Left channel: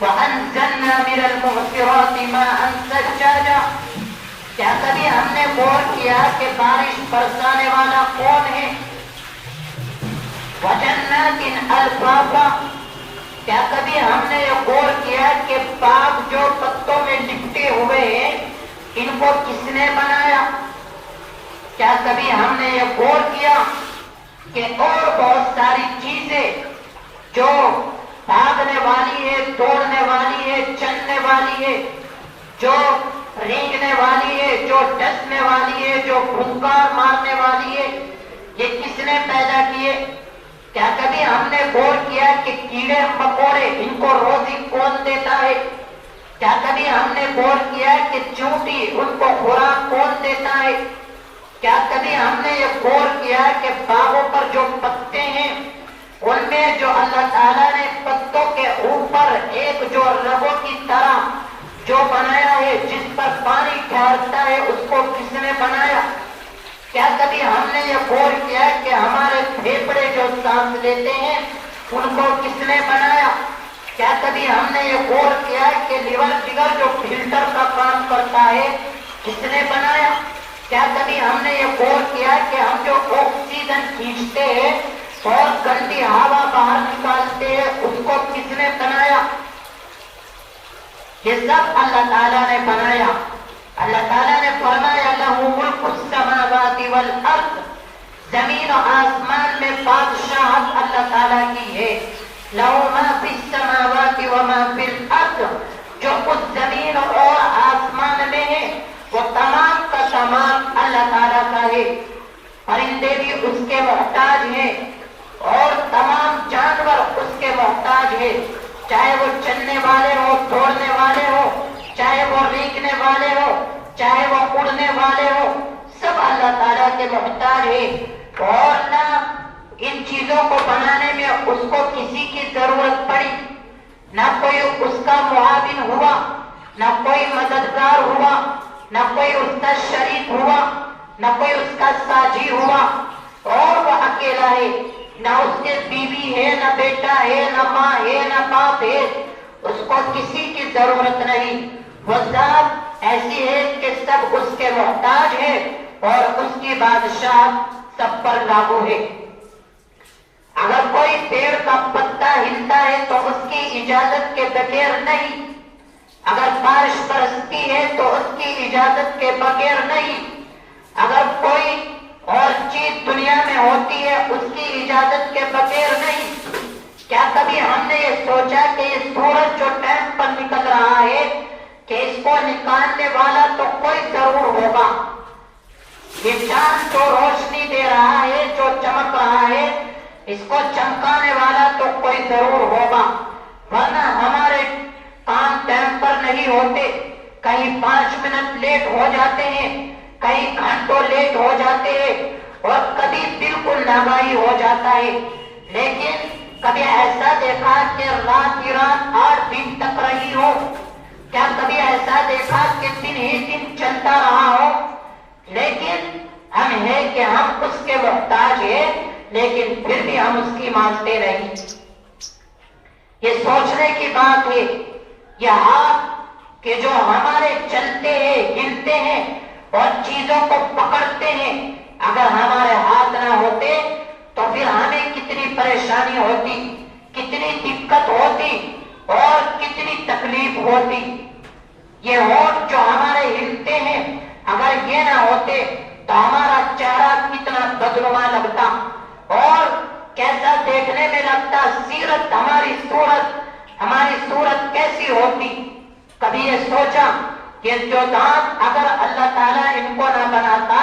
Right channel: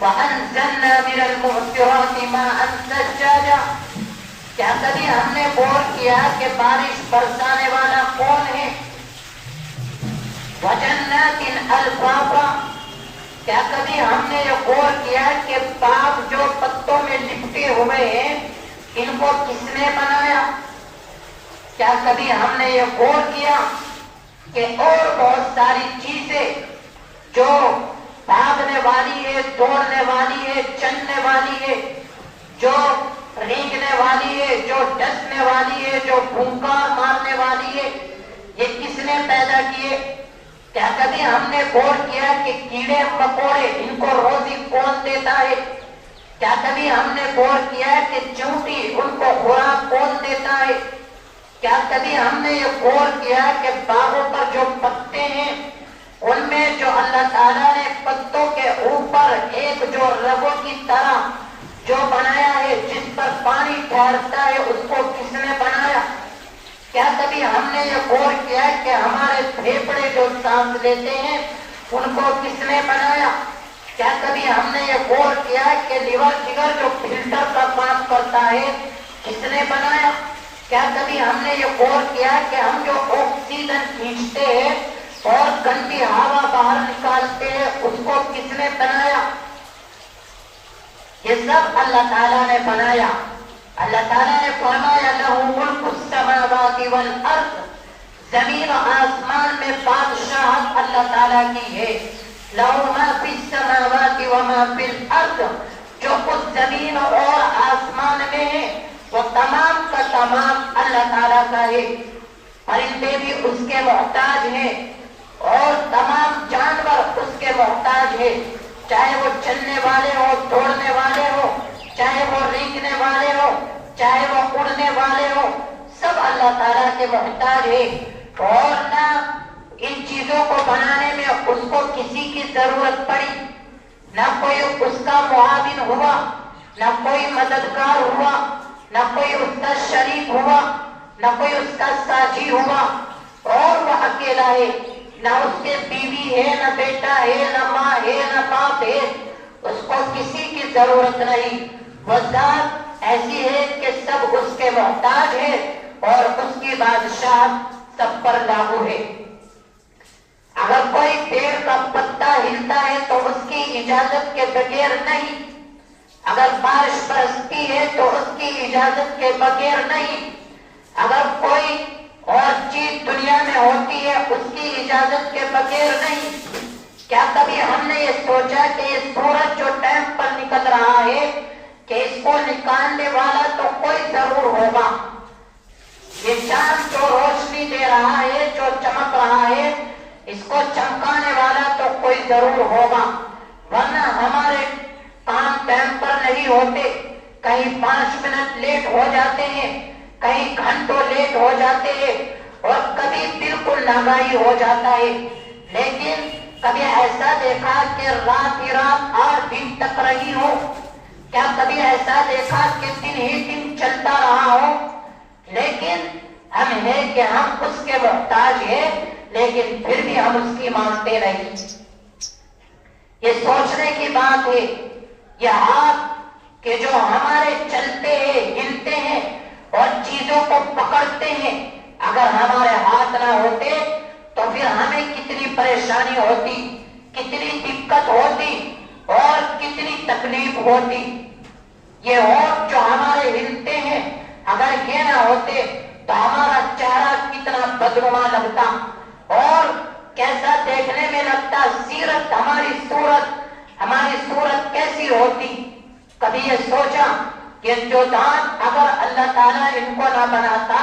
وَأَنزَلْنَا مِنَ الْمُعْصِرَاتِ مَاءً ثَجَّاجًا. کیا کبھی ہم نے غور کیا کہ بارش برسانے والا کون ہے؟ وَجَنَّاتٍ أَلْفَافًا. کیا کبھی ہم نے یہ غور کیا کہ باغ جو پتوں میں لپٹے ہوئے ہیں ان کو کس نے بنایا؟ کیا کبھی ہم نے یہ غور کیا کہ اور بہت ساری چیزیں جو بھاگنے والی ہے، دوڑنے والی ہے، چلنے والی ہے، جو رینگنے والی ہے، جو ڈسنے والی ہے، جو بھونکار مارنے والی ہے، یہ کس نے پیدا کیے؟ کیا کبھی ہم نے غور کیا کہ کیڑے مکوڑے ان کو روزی کون دیتا ہے؟ کیا کبھی ہم نے غور کیا کہ چونٹی ان کو خوراک کون دیتا ہے؟ کیا کبھی ہم نے یہ غور کیا کہ باغوں پر جو پتے ہیں ان میں جو اللہ تعالیٰ نے پتوں کے اوپر ایک جو رگوں کی طرح جو بنایا ہے جس پر پانی ٹھہرتا ہے اس کو کس نے بنایا؟ کیا کبھی ہم نے یہ غور کیا کہ ہمارے پھیپھڑے جو سانس لیتے ہیں ان کو کس نے بنایا؟ کیا کبھی ہم نے یہ غور کیا کہ لیور جگر جو فلٹر کا کام کرتا ہے کس نے بنایا؟ کیا کبھی ہم نے یہ غور کیا کہ ہم جو آکسیجن کھینچتے ہیں اور گندی ہوا باہر نکالتے ہیں اس کو کس نے بنایا؟ یہ سب اللہ تعالیٰ نے بنایا. اللہ تعالیٰ نے فرمایا لَهُ مُلْكُ السَّمَاوَاتِ وَالْأَرْضِ. زمین و آسمان میں بادشاہت اللہ تعالیٰ کی ہے. لَهُ مَا فِي السَّمَاوَاتِ وَمَا فِي الْأَرْضِ. جو کچھ زمین اور آسمان میں ہے وہ تمام کا تمام اللہ تعالیٰ کا ہے. پرندے بھی اس کے محتاج ہیں اور تمام جانور اس کے محتاج ہیں، چاہے وہ چلنے والے ہو، دوڑنے والے ہو، چاہے وہ رینگنے والے ہو، چاہے وہ اڑنے والے ہو، سب اللہ تعالیٰ کے محتاج ہے. اور نہ ان چیزوں کو بنانے میں اس کو کسی کی ضرورت پڑی، نہ کوئی اس کا معاون ہوا، نہ کوئی مددگار ہوا، نہ کوئی اس کا شریک ہوا، نہ کوئی اس کا ساجی ہوا، اور وہ اکیلا ہے. نہ اس کے بیوی ہے، نہ بیٹا ہے، نہ ماں ہے، نہ باپ ہے، اس کو کسی کی ضرورت نہیں. وہ ذات ایسی ہے کہ سب اس کے محتاج ہے اور اس کی بادشاہ سب پر لاگو ہے. اگر کوئی پیڑ کا پتا ہلتا ہے تو اس کی اجازت کے بغیر نہیں، اگر بارش برستی ہے تو اس کی اجازت کے بغیر نہیں، اگر کوئی اور چیز دنیا میں ہوتی ہے اس کی اجازت کے بغیر نہیں. کیا کبھی ہم نے یہ سوچا کہ یہ سورج جو ٹائم پر نکل رہا ہے کہ اس کو نکالنے والا تو کوئی ضرور ہوگا؟ یہ چاند جو روشنی دے رہا ہے، جو چمک رہا ہے، اس کو چمکانے والا تو کوئی ضرور ہوگا. ورنہ ہمارے کام ٹائم پر نہیں ہوتے، کہیں 5 منٹ لیٹ ہو جاتے ہیں، کہیں گھنٹوں لیٹ ہو جاتے ہیں، اور کبھی بالکل ناگاہی ہو جاتا ہے. لیکن کبھی ایسا دیکھا کہ رات ہی رات 8 دن تک رہی ہو؟ کیا کبھی ایسا دیکھا کہ دن ہی دن چلتا رہا ہو؟ لیکن ہم ہے کہ ہم اس کے محتاج ہیں، لیکن پھر بھی ہم اس کی مانتے نہیں. یہ سوچنے کی بات ہے. یہ ہاتھ کہ جو ہمارے چلتے ہیں، ہلتے ہیں اور چیزوں کو پکڑتے ہیں، اگر ہمارے ہاتھ نہ ہوتے تو پھر ہمیں کتنی پریشانی ہوتی، کتنی دقت ہوتی اور کتنی تکلیف ہوتی. یہ ہونٹ جو ہمارے ہلتے ہیں، اگر یہ نہ ہوتے تو ہمارا چہرہ کتنا بدنما لگتا اور کیسا دیکھنے میں لگتا، سیرت ہماری صورت کیسی ہوتی. کبھی یہ سوچا کہ جو دانت اگر اللہ تعالیٰ ان کو نہ بناتا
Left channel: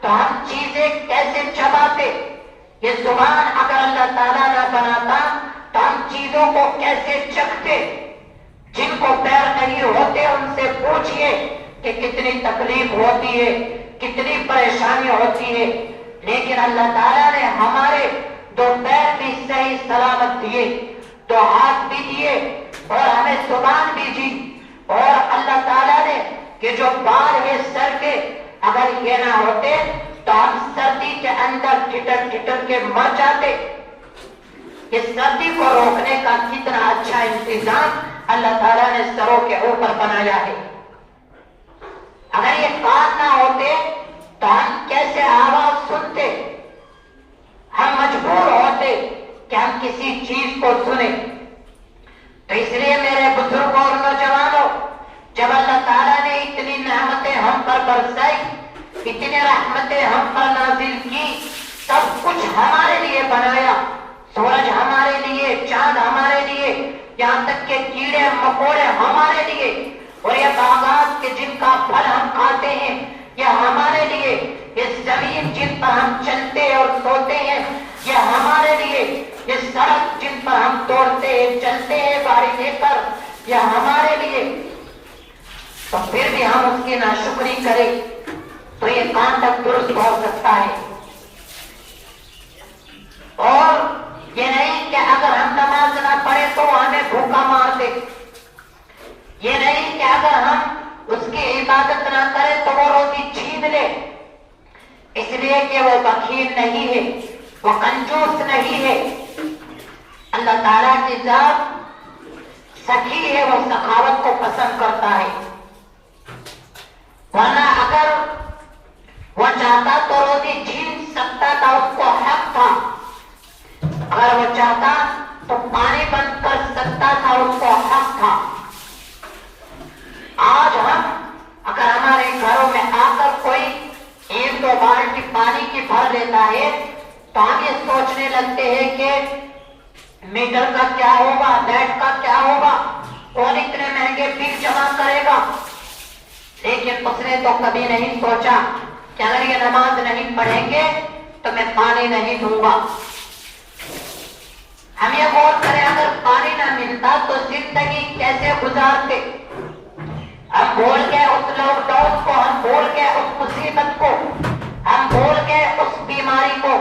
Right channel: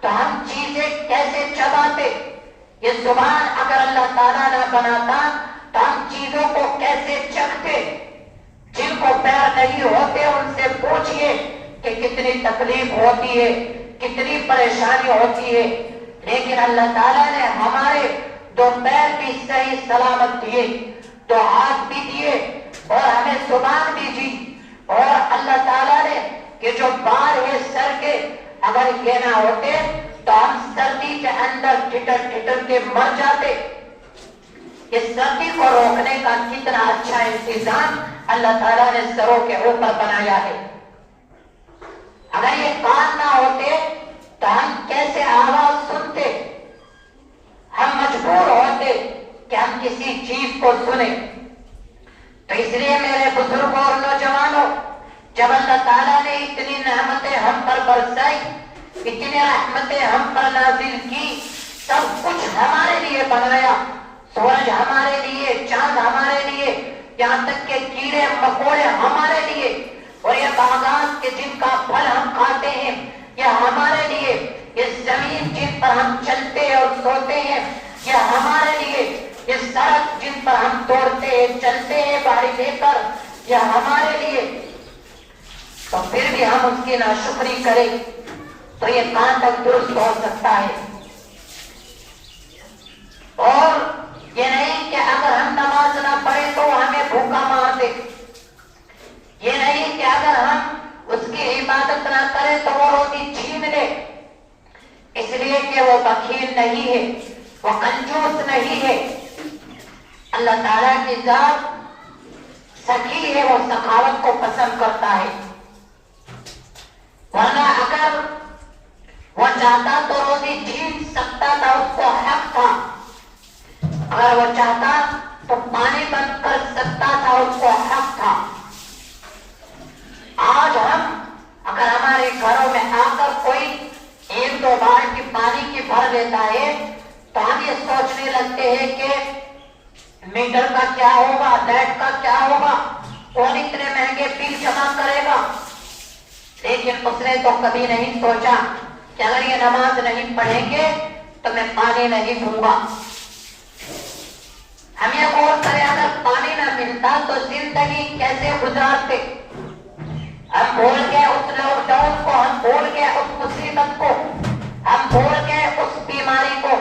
تو ہم چیزیں کیسے چباتے؟ یہ زبان اگر اللہ تعالیٰ نہ بناتا تو ہم چیزوں کو کیسے چکھتے؟ جن کو پیر نہیں ہوتے ان سے پوچھئے کہ کتنی تکلیف ہوتی ہے، کتنی پریشانی ہوتی ہے. لیکن اللہ تعالیٰ نے ہمارے 2 پیر بھی صحیح سلامت دیے، 2 ہاتھ بھی دیے اور ہمیں زبان بھی دی. اور اللہ تعالیٰ نے کہ جو بال ہے سر کے، اگر یہ نہ ہوتے تو ہم سردی کے اندر ٹھٹر ٹھٹر کے مر جاتے. اس سردی کو روکنے کا کتنا اچھا انتظام اللہ تعالیٰ نے سروں کے اوپر بنایا ہے. اگر یہ کان نہ ہوتے تو ہم کیسے آواز سنتے؟ ہم مجبور ہوتے کہ ہم کسی چیز کو سنیں. تو اس لیے میرے بزرگوں اور نوجوانوں، جب اللہ تعالیٰ نے اتنی نعمتیں ہم پر برسائی، اتنی رحمتیں ہم پر نازل کی، سب کچھ ہمارے لیے بنایا، سورج ہمارے لیے، چاند ہمارے لیے، یہاں تک کہ کیڑے مکوڑے ہمارے لیے، اور یہ باغات کے جن کا پھل ہم کھاتے ہیں یہ ہمارے لیے، یہ زمین جن پر ہم چلتے اور سوتے ہیں یہ ہمارے لیے، یہ سڑک جن پر ہم دوڑتے ہیں چلتے ہیں گاڑی لے کر یہ ہمارے لیے. تو پھر بھی ہم اس کی ناشکری کریں تو یہ کہاں تک درست ہو سکتا ہے؟ اور یہ نہیں کہ اگر ہم نماز نہ پڑھیں تو ہمیں بھوکا مار دے، یہ نہیں کہ اگر ہم اس کی عبادت نہ کریں تو وہ روزی چھین لے، اس لیے کہ وہ بخیل نہیں ہے، وہ کنجوس نہیں ہے. اللہ تعالیٰ کی ذات سخی ہے، وہ سخاوت کو پسند کرتا ہے. ورنہ اگر وہ چاہتا تو روزی چھین سکتا تھا، اس کو حق تھا. اگر وہ چاہتا تو پانی بند کر سکتا تھا، اس کو حق تھا. آج ہم اگر ہمارے گھروں میں آ کر کوئی 1-2 بالٹی پانی کی بھر لیتا ہے تو ہم یہ سوچنے لگتے ہیں کہ میٹر کا کیا ہوگا، لیٹ کا کیا ہوگا، کون اتنے مہنگے بل جمع کرے گا. لیکن اس نے تو کبھی نہیں سوچا کہ اگر یہ نماز نہیں پڑھیں گے تو میں پانی نہیں دوں گا. ہم یہ غور کریں اگر پانی نہ ملتا تو زندگی کیسے گزارتے؟ ہم بھول گئے اس لاک ڈاؤن کو، ہم بھول گئے اس مصیبت کو، ہم بھول گئے اس بیماری کو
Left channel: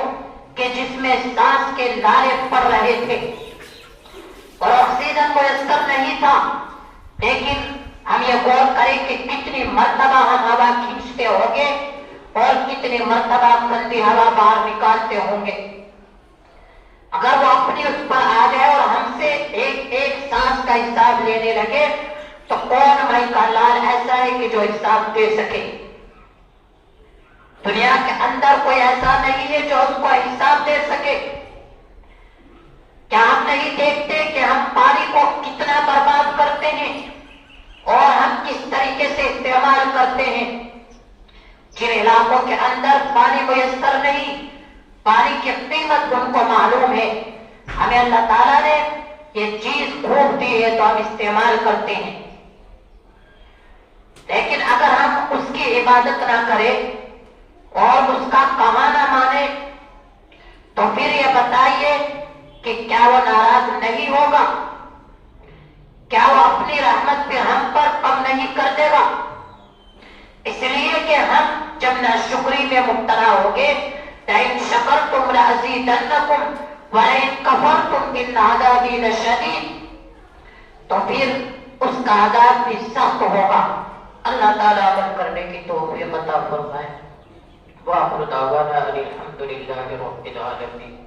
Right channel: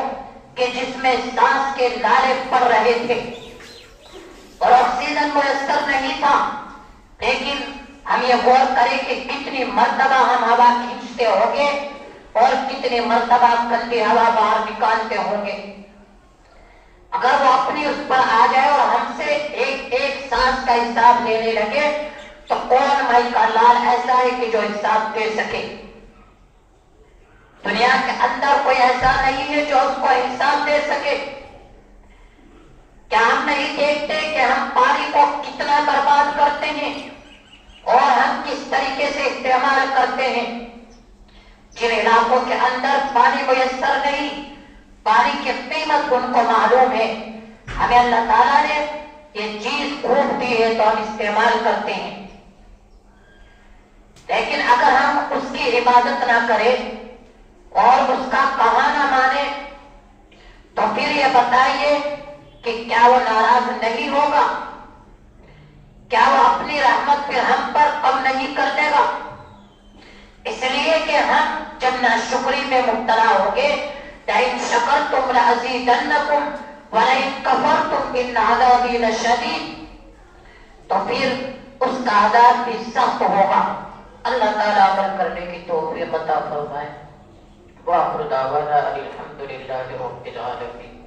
کہ جس میں سانس کے لالے پڑ رہے تھے اور آکسیجن میسر نہیں تھا. لیکن ہم یہ غور کریں کہ کتنی مرتبہ ہم ہوا کھینچتے ہوں گے اور کتنی مرتبہ گندی ہوا باہر نکالتے ہوں گے. اگر وہ اپنی اس پر آ جائے اور ہم سے ایک ایک سانس کا حساب لینے لگے تو کون بھائی کا لال ایسا ہے کہ جو حساب دے سکے؟ دنیا کے اندر کوئی ایسا نہیں ہے جو اس کو حساب دے سکے. کیا ہم نہیں دیکھتے کہ ہم پانی کو کتنا برباد کرتے ہیں اور ہم کس طریقے سے استعمال کرتے ہیں؟ جن علاقوں کے اندر پانی میسر نہیں، پانی کی قیمت ان کو معلوم ہے. ہمیں اللہ تعالیٰ نے یہ چیز خوب دی ہے تو ہم استعمال کرتے ہیں. لیکن اگر ہم اس کی عبادت نہ کریں اور اس کا کہا نہ مانے تو پھر یہ بتائیے کہ کیا وہ ناراض نہیں ہوگا؟ کیا وہ اپنی رحمت پہ ہم پر کم نہیں کر دے گا؟ اس لیے کہ ہم جب ناشکری میں مبتلا ہوگے لئن شکرتم لأزیدنکم ولئن کفرتم ان عذابی لشدید، تو پھر اس کا عذاب بھی سخت ہوگا. اللہ تعالیٰ عمل کرنے کی توفیق عطا فرمائے. وآخر دعوانا الحمدللہ رب العالمین.